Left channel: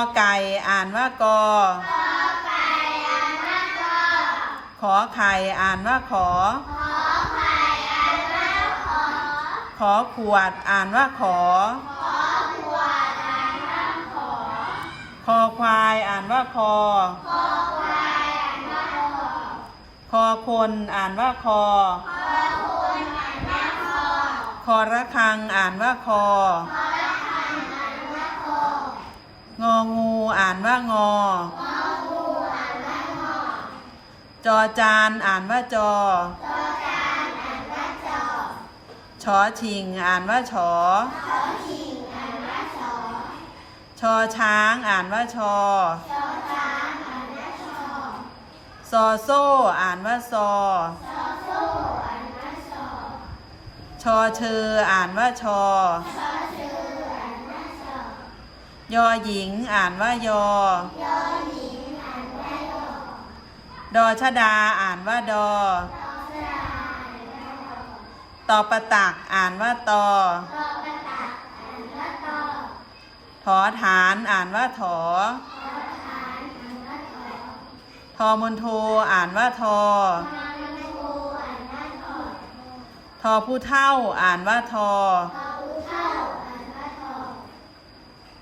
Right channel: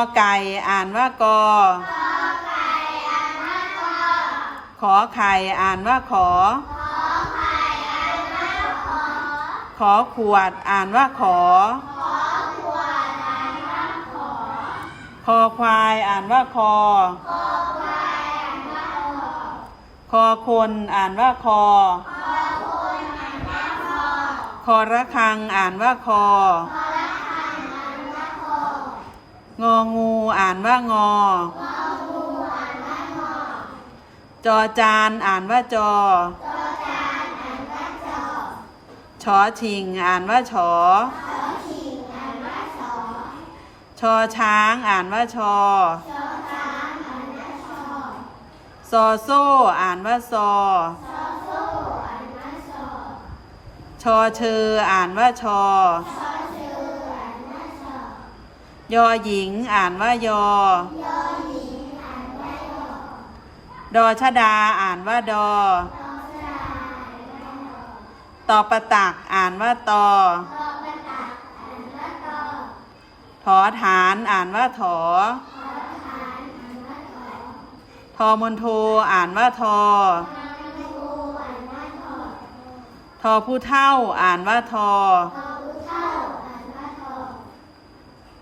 อไก่อ่านว่ากอขอไข่อ่านว่าขอ ขอขวดอ่านว่าขอ คอควายอ่านว่าคอ คอคนอ่านว่าคอ คอระคังอ่านว่าคอ งองูอ่านว่างอ จอจานอ่านว่าจอ ชอชิงอ่านว่าชอ ชอช้างอ่านว่าชอ ซอโซ่อ่านว่าซอ ชอเชออ่านว่าชอ ยอหญิงอ่านว่ายอ ดอชดาอ่านว่าดอ ตอประตักอ่านว่าตอ ถอฐานอ่านว่าถอ ทอมนโทอ่านว่าทอ ทอผู้เท่าอ่านว่าทอ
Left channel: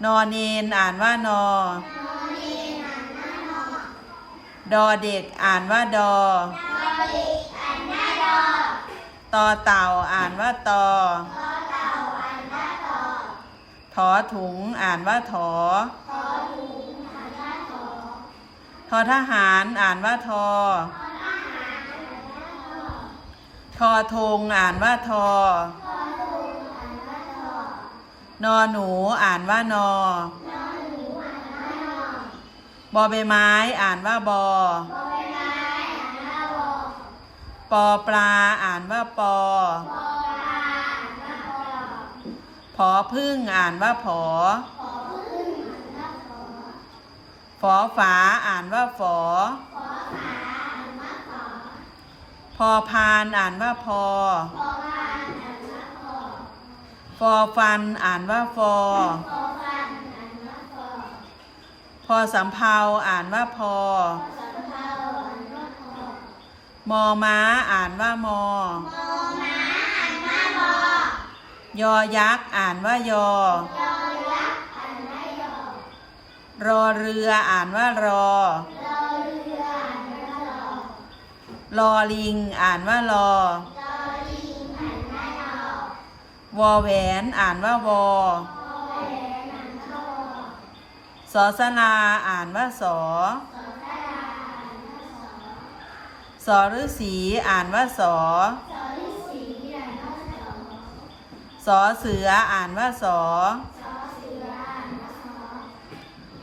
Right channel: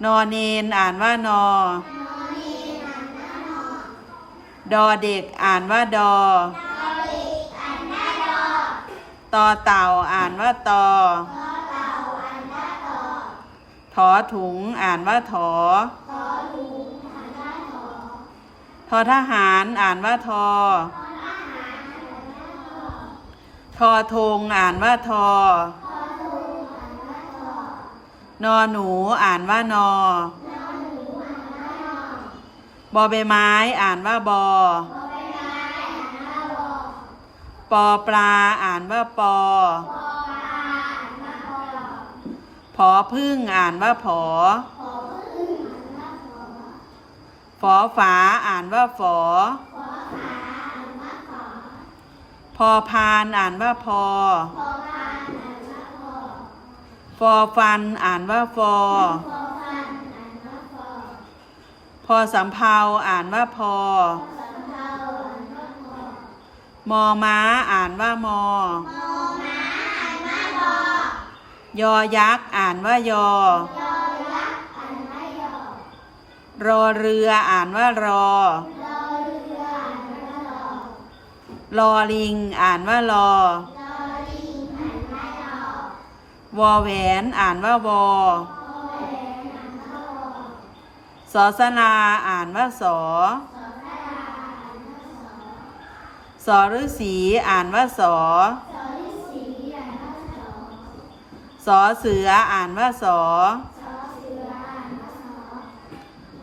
นอเนนอ่านว่านอ ดอเด็กอ่านว่าดอ ตอเต่าอ่านว่าตอ ถอถุงอ่านว่าถอ ทอทหารอ่านว่าทอ ทอทงอ่านว่าทอ นอหนูอ่านว่านอบอใบไม้อ่านว่าบอปอปลาอ่านว่าปอผอพึ่งอ่านว่าผอฝอฝาอ่านว่าฝอพอพานอ่านว่าพอ ฟอฟันอ่านว่าฟอพอสำเพาอ่านว่าพอ มอม้าอ่านว่ามอยอยักษ์อ่านว่ายอ รอเรืออ่านว่ารอ รอลิงอ่านว่ารอ วอแหวนอ่านว่าวอสอสลาอ่านว่าสอสอฤษีอ่านว่าสอสอเสืออ่านว่าสอ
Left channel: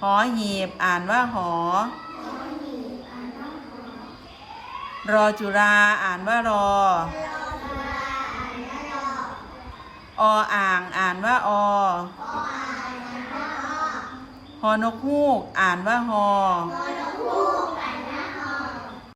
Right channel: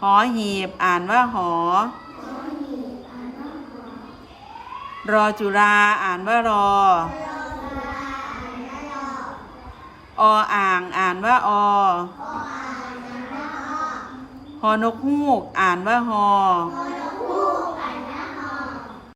หอหีบอ่านว่าหอ รอจุราอ่านว่ารอ ออ่างอ่านว่าอหอนกฮูก อ่านว่าหอ